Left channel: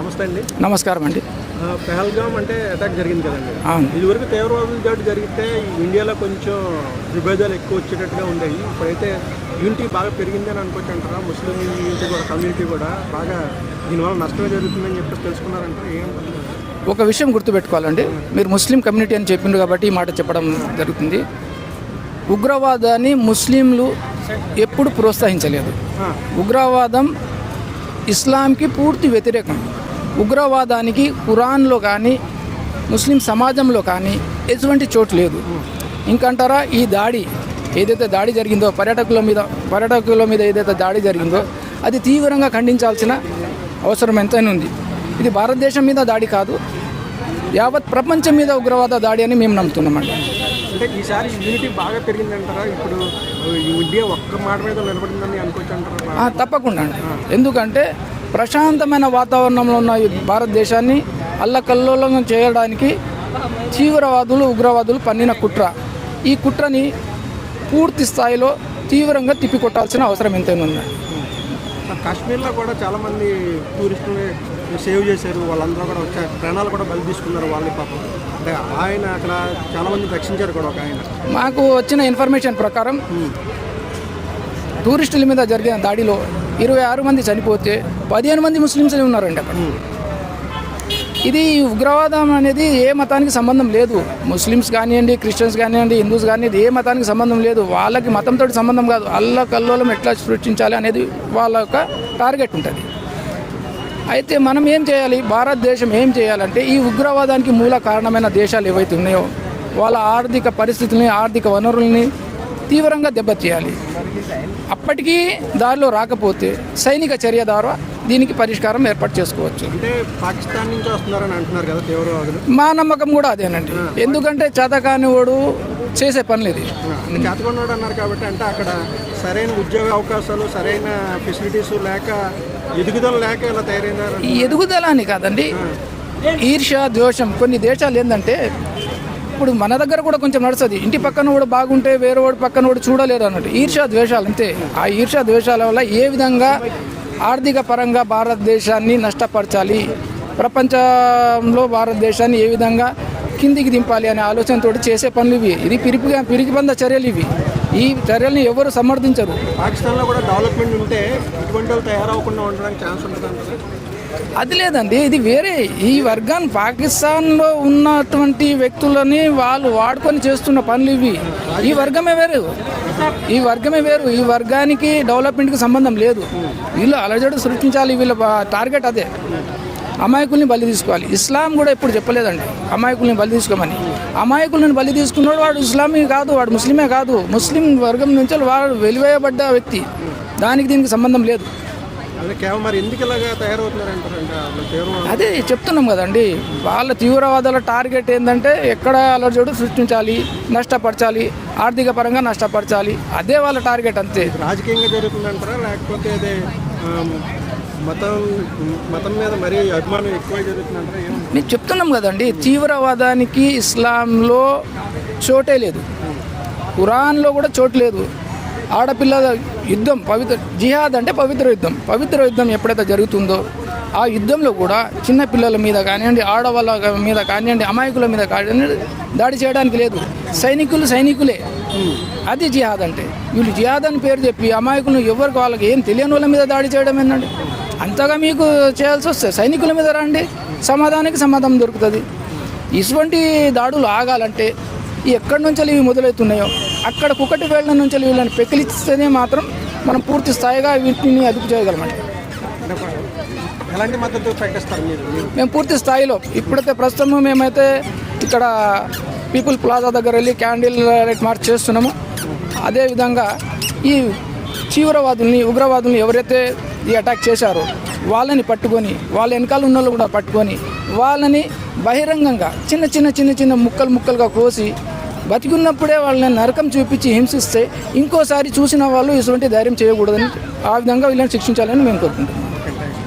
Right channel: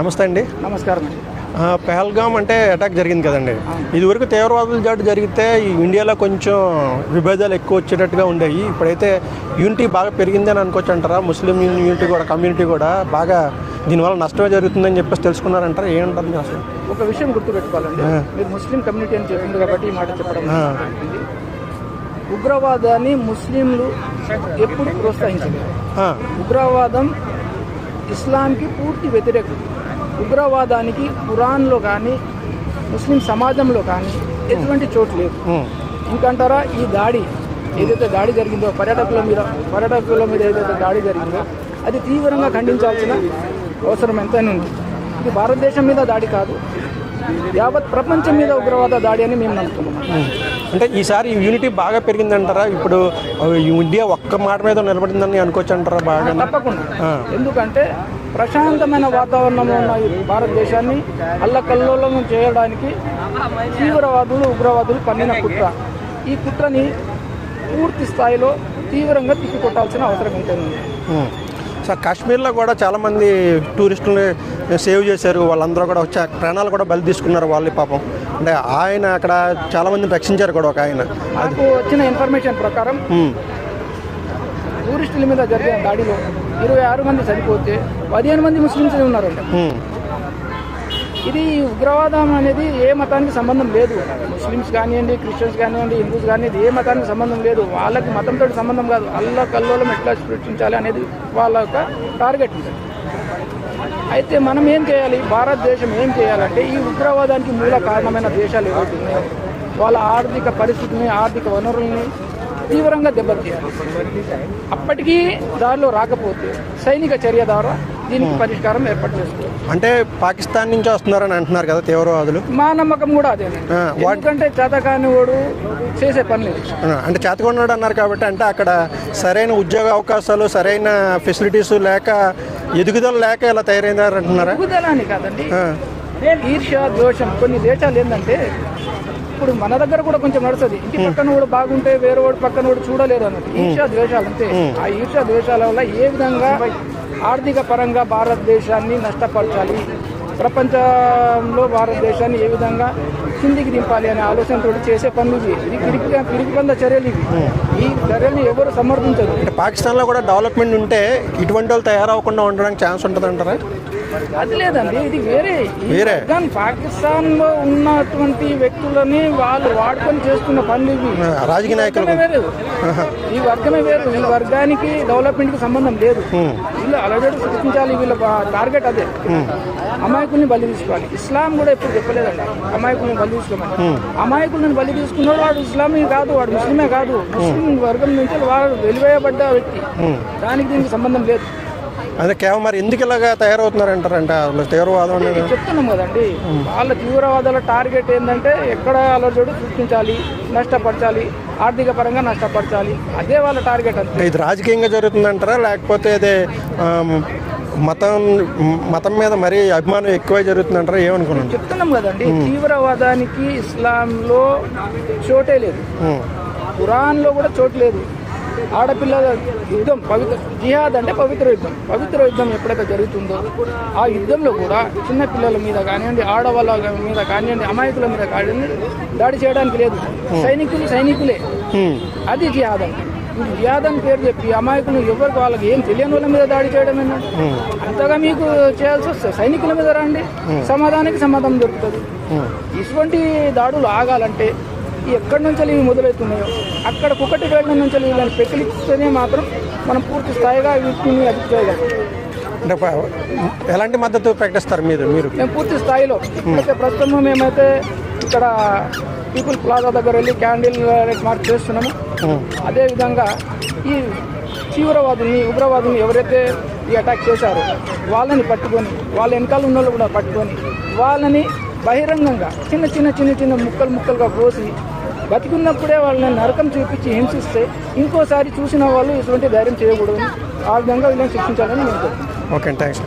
నమస్తే అండి. నమస్కారం అండి. పహల్గామ్ అంటే అటాక్ జరిగింది కదండి. ఇదివరకు తీవ్రవాదుల దాడి జరిగితే ఈ ఇండియాలో కొంచెం విభేదాలు ఎక్కువ వచ్చేటట్టుగా ఉండేవి. ఇప్పుడైతే యూనిటీ బాగా పెరిగిందని అనుకోవచ్చు అంటారా? ముస్లిం యూనిటీ కూడా, కమ్యూనిటీ కూడా బాగా దీనివల్ల నష్టమే జరుగుతుందని చెప్పేసి తెలుసుకున్నారంటారా? ఏముంటుంది అసలు? ఒక విషయం గుర్తుపెట్టుకోవాలండి. మీరు ముస్లిం కమ్యూనిటీ అని చెప్పిండు కాబట్టి ఈ మాట చెప్పడం జరుగుతుంది. ఉగ్రవాదాన్ని ముస్లింలు ఎప్పుడు ప్రోత్సహించలేదు. ఉగ్రవాదం ఇస్లాంకి పూర్తి వ్యతిరేకం. ఉగ్రవాదానికి ఖురాన్లో కానీ ముస్లిం సమాజంలో కానీ ఎటువంటి చోటు లేదు. ఇంకంటారా, ఈ దాడి ఏదైతే దాడి జరిగిందో పర్యాటకుల మీద ఏదైతే దాడి జరిగిందో అది తీవ్రంగా ఖండించాల్సిన అవసరం ఎంతైనా ఉంది. ఇది భారతదేశం మీద దాడి కాదు, యావత్ ప్రపంచం మీద ఉగ్రవాద దాడి అని మేము నమ్ముతున్నాం. అంటే ఈసారి యూనిటీ బాగా పెరిగిందంటారా? ఇప్పుడు ఇండియా ఒక్క మాట మీద నిలబడిందని అనుకోవచ్చు అంటారా? తప్పకుండా. ఎందుకంటే ప్రశాంతమైన వాతావరణంలో ఉన్న ఈ భారతదేశాన్ని అల్లకల్లోలం చేయడానికి తీవ్రవాదులు, ఉగ్రవాదులు పన్నిన కుట్ర. ఈ కుట్రని పూర్తి స్థాయిలో తీవ్రంగా తిప్పికొట్టాల్సిన అవసరం ఎంతైనా ఉంది. సార్, కాశ్మీర్లో కూడా చాలామంది టూరిస్టులని సేవ్ చేశారు. వాళ్ళందరూ కూడా వచ్చి ప్రాణాలు కూడా బలి తీసుకున్నారు వాళ్ళు పాపం. అంటే ఆయన అక్కడ చాలామందిని రక్షించారు కూడా. ఒక ఆయన మాకు వచ్చిన ఇన్ఫర్మేషన్ ప్రకారం టూరిస్టుల మీద జరిగిన దాడిలో 26 మంది చనిపోతే 15 మంది ముస్లిమ్స్ ఉన్నారంట. ఇది ఉగ్రవాదం అనేది ఏ మతానికి సంబంధం లేదు. ముస్లిమ్స్ కానివ్వండి, క్రిస్టియన్స్ కానివ్వండి, హిందూస్ కానివ్వండి, ఏ మతానికి సంబంధం లేదు. వాళ్ళకి మతంతో సంబంధం కాదు. అల్లకల్లోలం ఎట్లా సృష్టించాలి అనేది వాళ్ళ యొక్క టార్గెట్ ఉంటుంది. అయితే మనం ఏం చేయాలి, భారతదేశం ఏం చేయాలంటే ఈ ఉగ్రవాదానికి మూల కారణమైన దేశాలు ఏవైతే ఉన్నాయో వాళ్ళ ఆర్థిక పరిస్థితుల్ని, ఆర్థిక వనరుల్ని తీవ్రంగా దెబ్బతీయాలి. అప్పటికీ దారిలో రాకపోతే సైనిక చర్య ద్వారా దీనికి పరిష్కారం ఏర్పాటు చేసుకోవచ్చు. అంటే పాకిస్తాన్ నుంచి వస్తున్నారని అంటున్నారు కదా తీవ్రవాదులు. మా నమ్మకం కూడా అదేనండి. ఎందుకంటే చేతకానివాడు చేసే పని లేదు. అంటే చేతకానివాడు అన్నారు కాబట్టి, అంటే అక్కడ సరైన ఉద్యోగ అవకాశాలు, సరైన ఫెసిలిటీస్ లేక, ఎదుగుదల లేక ఇలా తయారైందారు. ఎదుగుదల అని కాదండి, ఈర్ష్య, ద్వేషం. కొన్ని దేశాలు ఏంటంటే, ఇప్పుడు మన దగ్గర కూడా కొంచెం నడుస్తుంది. ఇంటి పక్కన కూడా బాగుంటే వేరే వాడి పక్కన కూడా చూడలేరు అన్నట్టు. ఈర్ష్య ద్వేషాలు అంతే. ఆ ఈర్ష్య ద్వేషాల వల్ల ఏ విధంగా ఆర్థిక పరంగా భారతదేశాన్ని నష్టపరచాలి, ప్రపంచంలో భారతదేశాన్ని ఏ విధంగా కిందికి దింపాలి అనే ఆలోచనతో చేసే పనులు ఇవి. ఇది పిరికిబంద చర్యలు ఇవి. ఈ చర్యల్ని ఎవరు సమర్థించరు. పాకిస్తాన్లో కూడా డెవలప్మెంట్ ఉంటే ఇటువంటి వాళ్ళు తయారవకుండా ఉండడానికి ఛాన్స్ ఉంటుంది అంటారా? అది లేదండి, ఇది వేరే. ఈ వర్గాన్ని, పాకిస్తాన్లో ఉన్నటువంటి వ్యక్తులని వాళ్ళు వాడుకొని చేస్తున్న పనులు ఇవి. ఈ వర్గమే వేరు. ఈ వర్గానికి డెవలప్మెంట్కి సంబంధం లేదు. వీళ్ళు అలజడి సృష్టించాలి. వీళ్ళ టార్గెట్ అదే. అమాయకుల్ని బలి తీసుకోవాలి. ఇస్లాం కూడా ఎప్పుడు చెప్పలేదండి అమాయకుల్ని బలి తీసుకోమని. అమాయకులను బలి తీసుకున్నాడు వాడు ఇస్లామీ కాదు, వాడు ముస్లిమే కాదు. ముస్లిం వర్గం నుంచి వాడు వెలివేయబడ్డ వ్యక్తి. దానికి దీనికి సంబంధం లేదు. అదే కేవలం మరి ఎందుకు ఇలాగా తయారవుతున్నారంటారంటే తీవ్రవాదం. అదే చెప్తున్నాం కదండి, వాళ్ళ తీవ్రవాదాల టార్గెట్ ఏంటంటే ఎక్కడ అలజడి సృష్టించాలి, నష్టపరచాలి, ఆర్థిక పరంగా నష్టపరచాలి. అదే వాళ్ళ టార్గెట్ అంతే. ఇది రాజకీయంగా జరుగుతుందంటారా, లేకపోతే అదే మతం మీద మరీ అభిమానం ఎక్కువ జరుగుతుందంటారా? ఏమనుకుంటున్నారు? చెప్తున్నాం కదండి, తీవ్రవాదానికి ఇస్లాంలో చోటే లేదు, ఖురాన్లో కూడా చోటు లేదు. ఆడపిల్లల యుద్ధం, జిహాద్ అంటే పవిత్ర యుద్ధం ఎప్పుడైతే జరుగుతుందో ఆ యుద్ధంలో కూడా చిన్న పిల్లల మీద కానివ్వండి, ఆడవాళ్ళ మీద కానివ్వండి, అమాయకుల మీద కానివ్వండి దాడి చేయడానికి లేదు. సైనికులే. అది జిహాద్ అంటే. వీళ్ళు జిహాద్ అని పేరు చెప్పి అమాయకులు ఎవరికి వాళ్ళకి ఏం తెలియని వాళ్ళ మీద దాడి చేయడం ఏంటండి? అంతగా మీకు చేయాల్సి వస్తే సైనికుల మీద రండి, సమాధానం దొరుకుతుంది. ఇటువంటి దాడులు ఆగాలంటే ఎక్కడి నుంచి ఇవి మొదలవుతున్నాయో అక్కడ కుక్కటి వేళ్ల నుంచి వీళ్ళని పెకిలిస్తేనే మాత్రం మనం పూర్తి స్థాయిగా వీటిని అదుపు చేయగలం. ఎలాంటి మద్దతు ప్రకటిస్తారు మీరు? మేము పూర్తి స్థాయిలో ఇప్పుడైతే ప్రస్తుతం మేమైతే ఇక్కడ పీపుల్ ప్లాజా దగ్గర వెళ్ళి క్యాండిల్ లైట్ మార్చ్ చేస్తున్నాము. అదేవిధంగా ఈ తీవ్రవాదుల్ని, ఉగ్రవాదుల్ని ఎవరైతే ఈ అటాక్ చేశారో వాళ్ళని పట్టుకొని, వాళ్ళ వెనకాల ఉన్న వాళ్ళు కూడా పట్టుకొని, వాళ్ళని బహిరంగంగా చిన్న ముక్కలుగా కోసి బతికున్నప్పుడే వాళ్ళని నరకం చూపించి హింసిస్తే ఇంకోసారి చూసిన వాళ్ళు ఇటువంటి ధైర్యం చేయకూడదని, ఆ విధంగా వీళ్ళని శిక్షించాలని మేము కోరుకుంటున్నాం. Okay, thanks.